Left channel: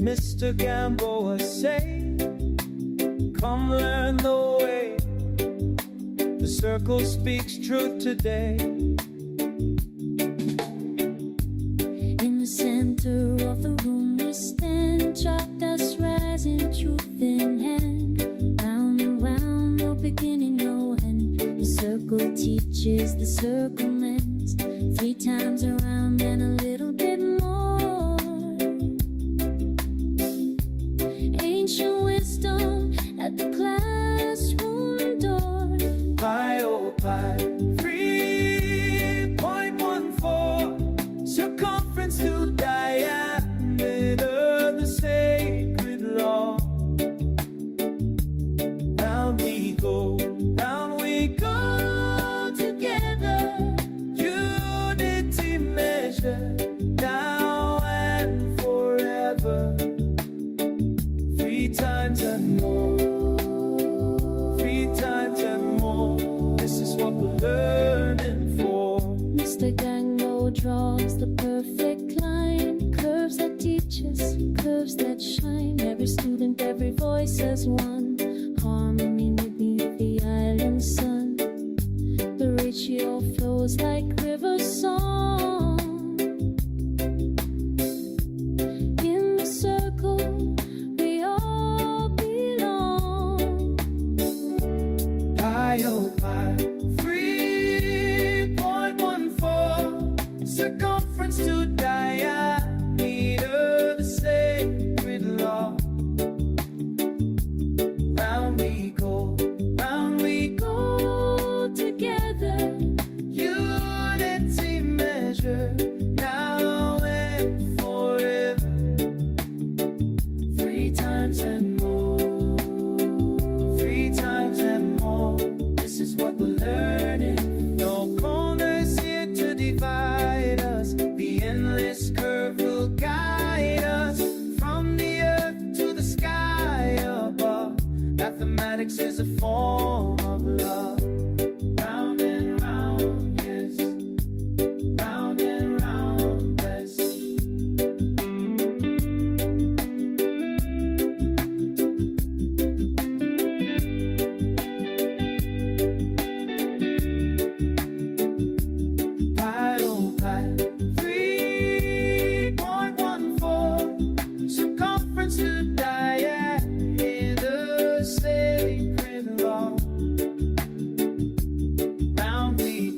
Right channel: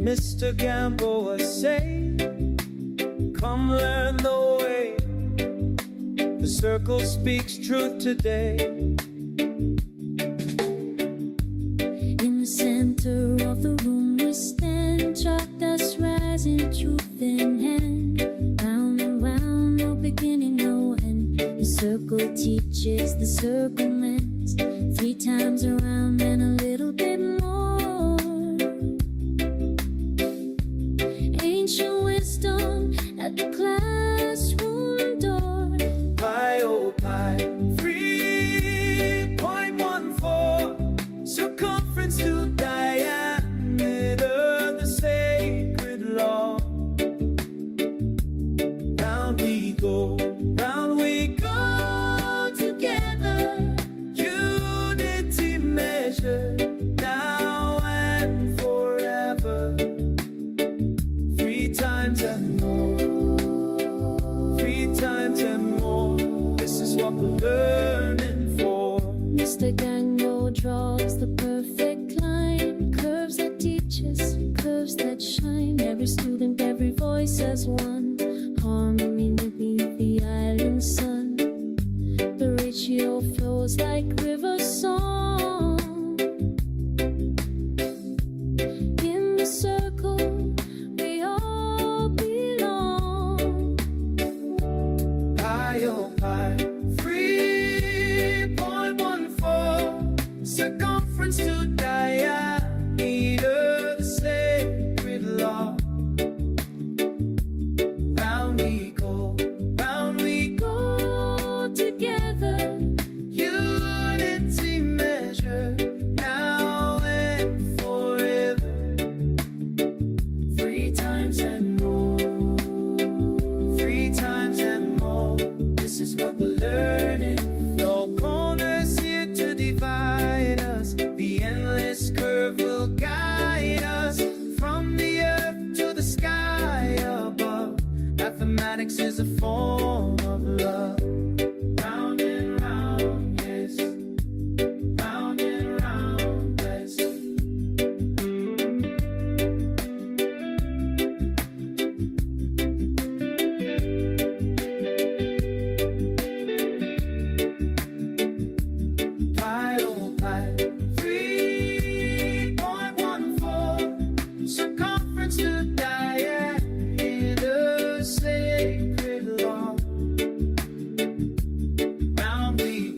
Mr. Gamboa say, come learn the way. The circle speaks truth today. In the center of the room we stand, chalk dust rising, truth in hand. Round and round, no beginning, no end. The circle teaches the circumference. 3 times around and a little bit more. Ancient wisdom at the classroom door. Pi, oh pi, 3.14. Circumference to diameter, the sacred law. Round we go together. Unity measure, now and forever. 3 times and more, 3 times and more. This is what we're learning for. Mr. Gamboa draws the perfect line, curves that teach us, curves that shine. Every student, every voice as one, harmony beneath the island sun. The ratio flows like river song. In the circle we all belong. Pi, oh pi, 3.14. Circumference to diameter, the sacred law. Round we go together. Unity measure, now and forever. 3 times and more, 3 times and more. This is what we're learning. No corners here to divide us. The endless curve will guide us from the earth to the sky above. Mathematics is a form of love. Round and round, yes. Round and round, yes. Pi, oh pi, 3.14. Circumference to diameter, sacred law. Round we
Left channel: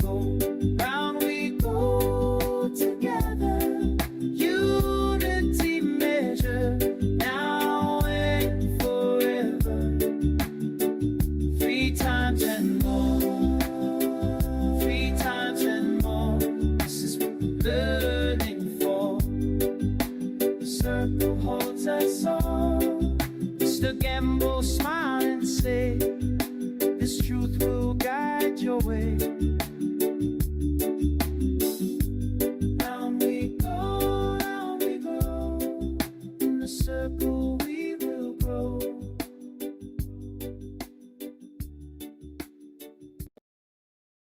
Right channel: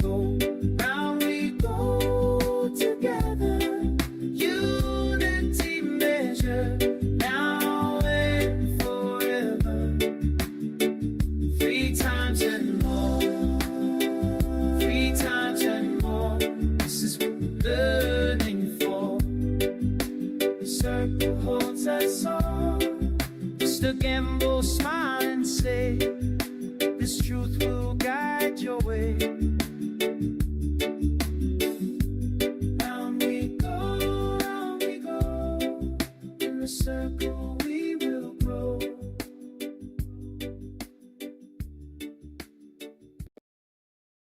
go together. Unity measure, now and forever. 3 times and more, 3 times and more. This is what we're learning for. The circle holds us all. Mr. Gamboa smile and say, this truth will guide your way.